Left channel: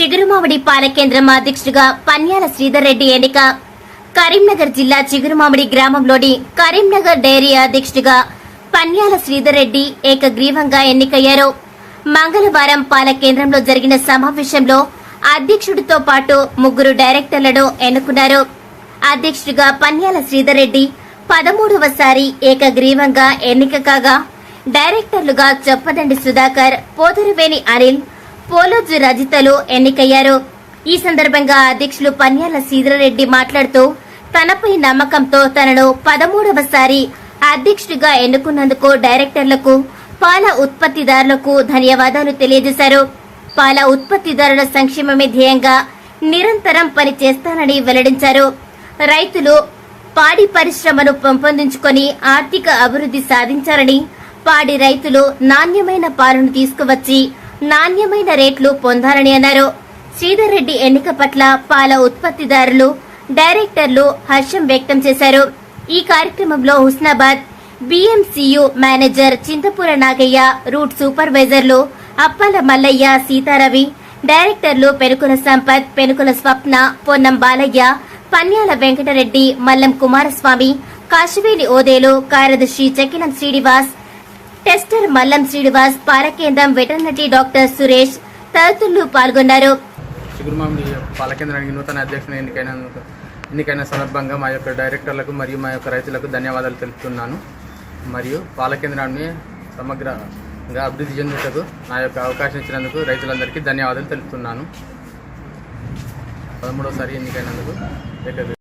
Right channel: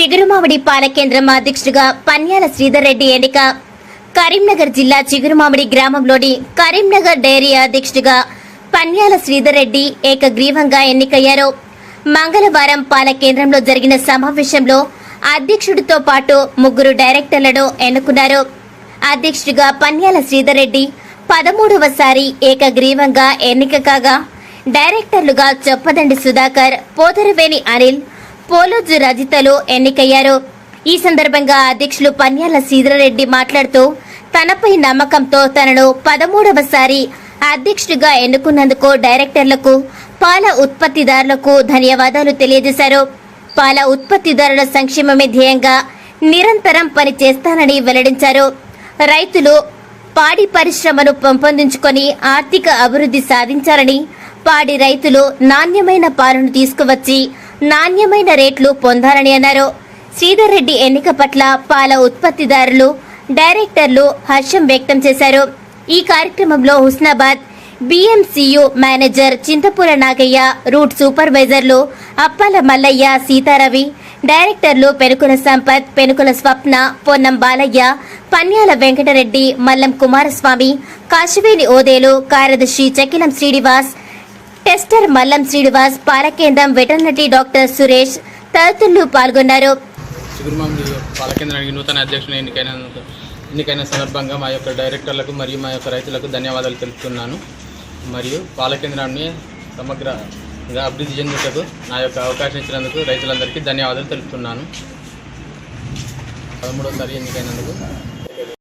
చిగురుమామిడి పాలకేంద్రం అధ్యక్షుడిగా పన్యాల శ్రీధర్ రెడ్డి ఎన్నిక. కరీంనగర్ జిల్లా చిగురుమామిడి గ్రామంలోని కరీంనగర్ డైరీ అధ్యక్షుడిగా పన్యాల శ్రీధర్ రెడ్డి ఏకగ్రీవంగా ఎన్నికయ్యారు. మంగళవారం పాల కేంద్రంలో జరిగిన సమావేశంలో అధ్యక్షుడితో పాటు ముగ్గురు డైరెక్టర్లను ఎన్నుకున్నారు. అధ్యక్షుడిగా పన్యాల శ్రీధర్ రెడ్డి పదమూడవసారి ఏకగ్రీవంగా ఎన్నిక కాగా డైరెక్టర్లుగా చొప్పదండి సుధాకర్ పోతరవేణి అనిల్ పోలోజు రజితలు ఎన్నికయ్యారు. ఈ సందర్భంగా అధ్యక్షులు పన్యాల శ్రీధరరెడ్డి మాట్లాడుతూ తనపై నమ్మకంతో తనను పదమూడవసారి అధ్యక్షుడిగా ఎన్నుకున్నందుకు డైరెక్టర్లకు పాల ఉత్పత్తిదారులకు ధన్యవాదాలు తెలియజేశారు. పాల ఉత్పత్తిదారుల సంక్షేమమే ధ్యేయంగా నిరంతరం పనిచేస్తానని వెల్లడించారు. రైతులు పాడి పరిశ్రమను పెంపొందించుకొని ఆర్థిక అభివృద్ధి సాధించాలని పాడి రైతులు నాణ్యమైన పాలను తీసుకువచ్చి నాణ్యమైన రేట్లు పొందాలని అన్నారు. శ్రీధర్ రెడ్డి ఎన్నిక పట్ల పాల ఉత్పత్తిదారులు డైరెక్టర్లు హర్షం వ్యక్తం చేశారు. ఈ కార్యక్రమంలో Husnabad BMCU manager Chintapura Nagayya route సూపర్వైజర్లు Appala Mallayya Seetharavi డైరెక్టర్లు పెనుకుల సంపత్ పెనుకుల స్వప్న పొన్నం బాలయ్య పన్యాల వెంకటరెడ్డి మల్లం కుమారస్వామి కాశివేలి ఓదేలు కార్యదర్శి చకిలం శ్రీనివాస్ టెస్టర్ మల్లం శ్రీనివాస్ పాలకేంద్రం వెటర్నరీ డాక్టర్ సురేష్ తదితరులు పాల్గొన్నారు. చిగురుమామిడి పాలకేంద్రానికి నూతన అధ్యక్షుడు ఎన్నికైన ఎన్నికైన సందర్భంగా మా యొక్క డైరెక్టర్లకు మరియు మా యొక్క రైతులకు ధన్యవాదాలు తెలుపుతున్నాను. మరియు పాలకేంద్రాన్ని సమగ్రంగా అభివృద్ధి చెందుటకు నా యొక్క అవకాశం ఇచ్చినందుకు రైతులందరికీ ధన్యవాదాలు తెలుపుతున్నాను. పదమూడోసారి ఎన్నికైనందుకు